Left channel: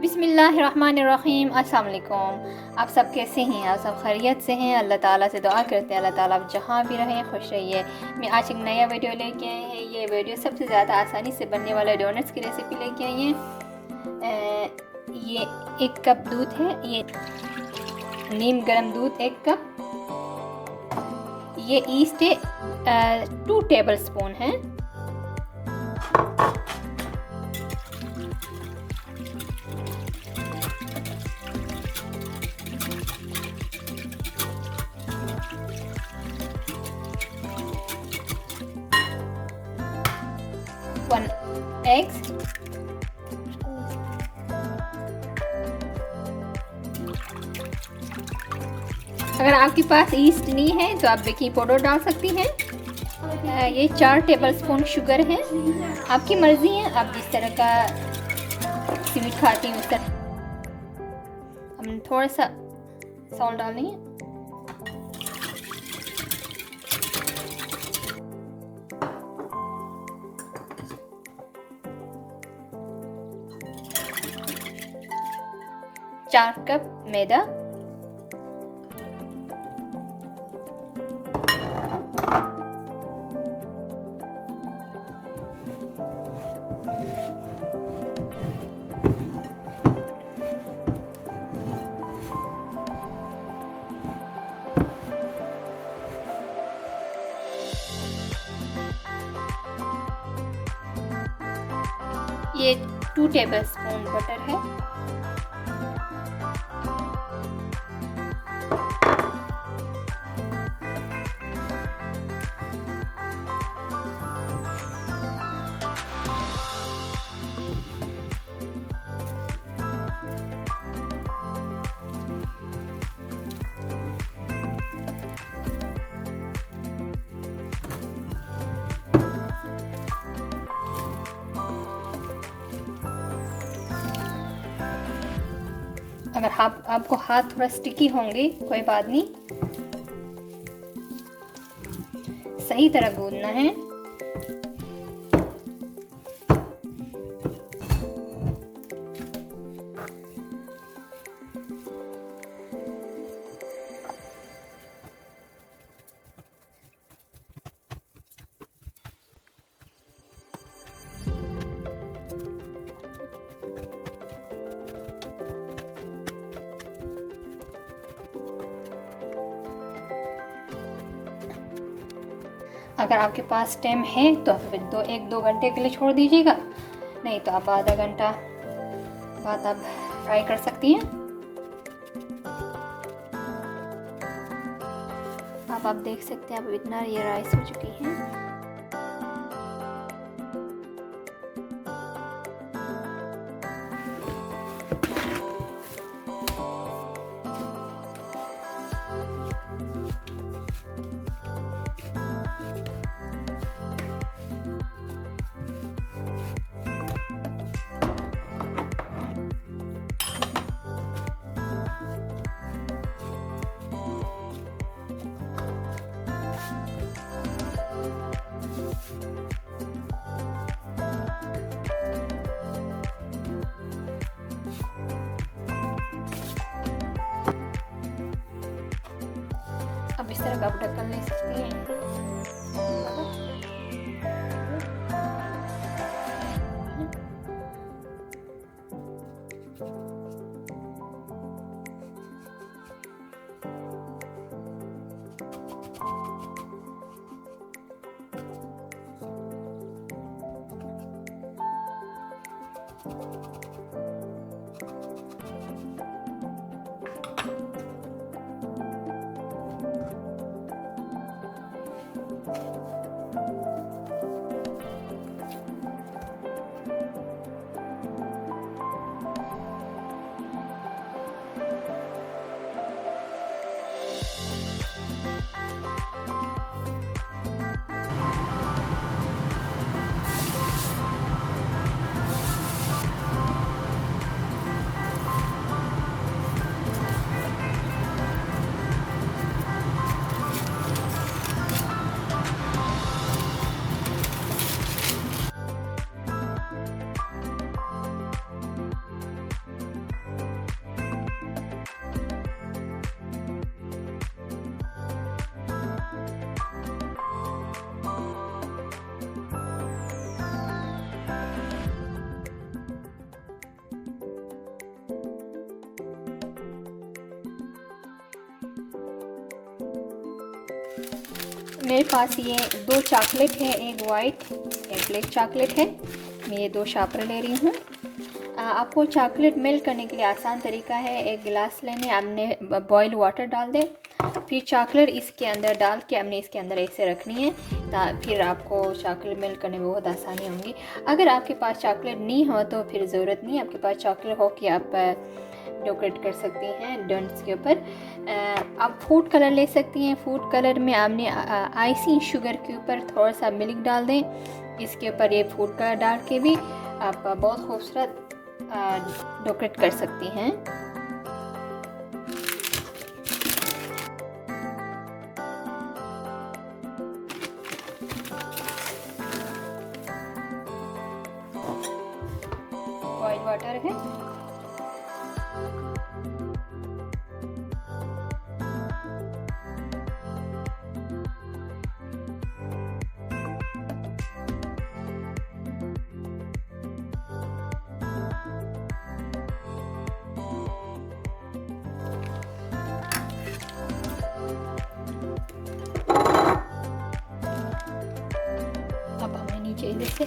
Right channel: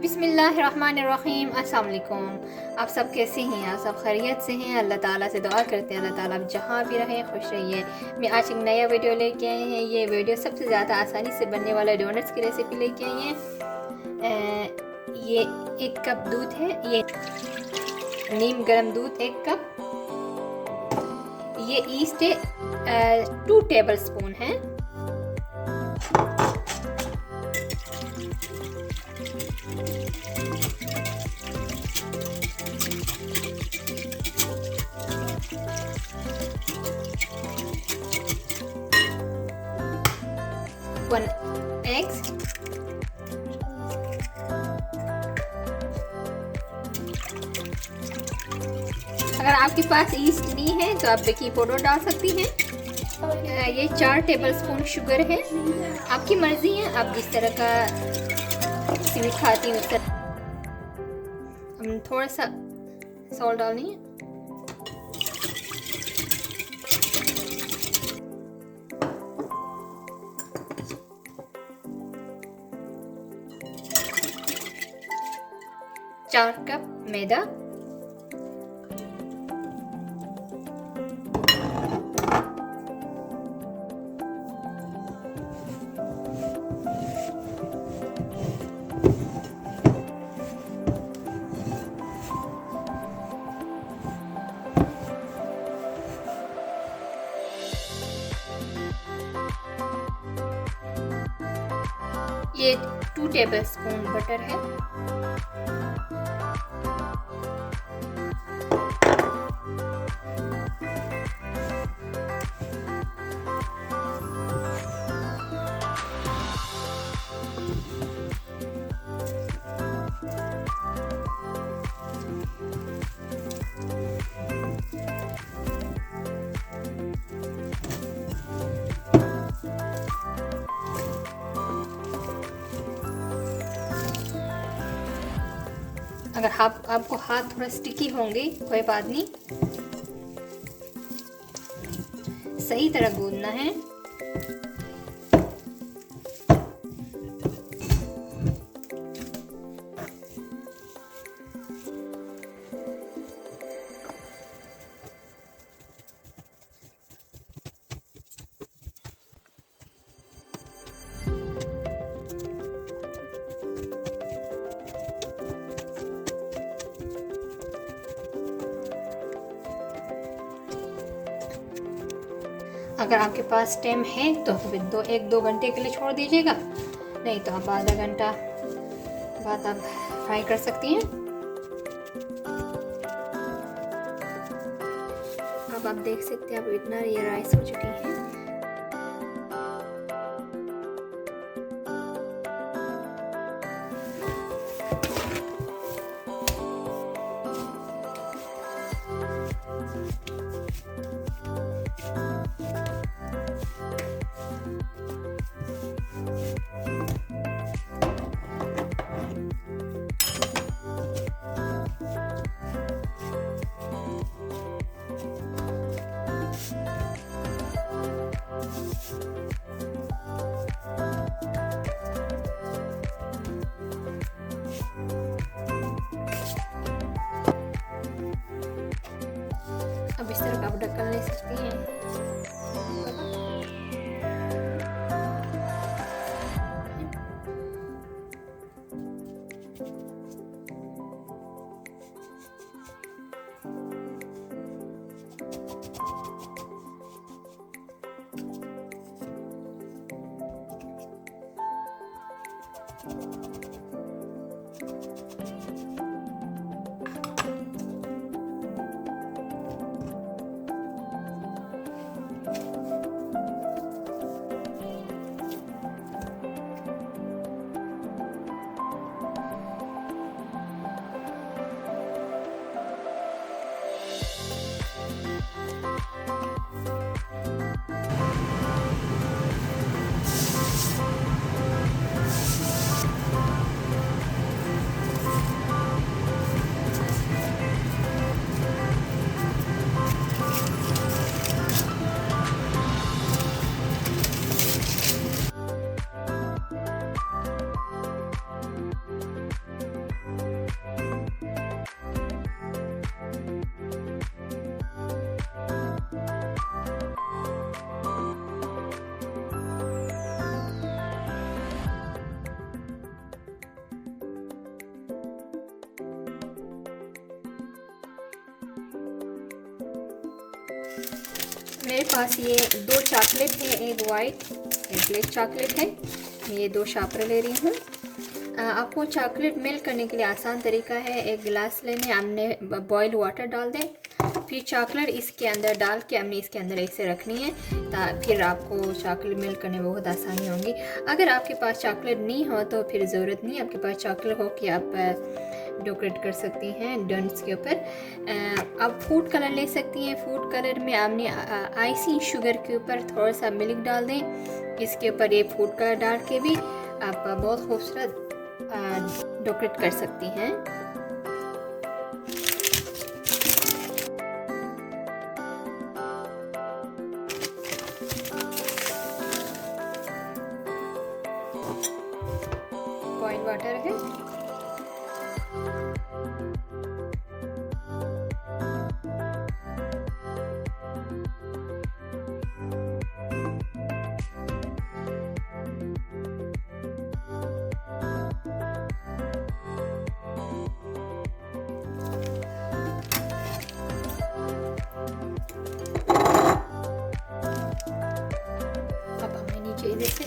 बिस्मिल्लाहिर्रहमानिर्रहीम। अस्सलाम वालेकुम। आप सब कैसे हैं? आप सब खैरियत से हैं? अल्लाह ताला से दुआ करते हैं अल्लाह ताला आप जहाँ भी रहें खुश रहिए। मैं आज एक नया वीडियो लेके आई हैं। ये वीडियो सबसे ज़्यादा आसानी से बनने वाला डोनट्स की रेसिपी लेके आई हैं। ये 1 कप दूध है, ये नीम गर्म दूध 1 कप। ये ईस्ट है 2 टेबलस्पून है। वन एग्स, अगर आपके पास ईस्ट नहीं है तो आप बेकिंग पाउडर डाल सकती हैं। ये 4 टेबलस्पून शुगर है। आपकी मर्जी है, आप जिस तरह का स्वीट खाती हैं उस तरह। हम थोड़ा सा सॉल्ट डालनी है। चार कप मैदा, ये 2 टेबलस्पून बटर है। अगर आपको हाथ थोड़ा स्टिकी होंगे कोई बात नहीं, सही तरह गूंदना है। अगर आपके पास टाइम है तो फिर 1-2 घंटे के लिए छोड़ दीजिएगा, नहीं तो आप आधा घंटा बाद आप फ्राई कर सकती हैं। अब आप देख सकते हैं अब इतना ये राइस हो चुकी है। अब इस तरह का आप ढक्कन ले सकती हैं। मेरे पास ये 2 चॉकलेट है, एक वाइट एक ब्लैक चॉकलेट है। मैं ये 2 शापर ले रही हूँ। आपको चॉकलेट मेल्ट करने के लिए आसान तरीका है, एक गिलास लेने, हमने बॉयल वाटर डाल दें, फिर चॉकलेट इसके अंदर डाल के हमने इसके अंदर ऐसे रखनी है, फिर आपको चॉकलेट मेल्ट करने में बहुत आसानी होगी। अगर आपके पास चॉकलेट नहीं हो तो फिर ज़रूरत नहीं, आपके पास चॉकलेट हो कि आप डेकोरेट कर सकती हैं डोनट्स के ऊपर। आप फूड कलर ले सकती हैं। फूड कलर में आपने आइसिंग शुगर के ऊपर थोड़ा सा मिल्क डाल दें, इसके ऊपर ये फूड कलर डाल के भी आप बहुत खूबसूरत डेकोरेट कर सकती हैं। बॉइल वाटर है, अब हमें नीचे से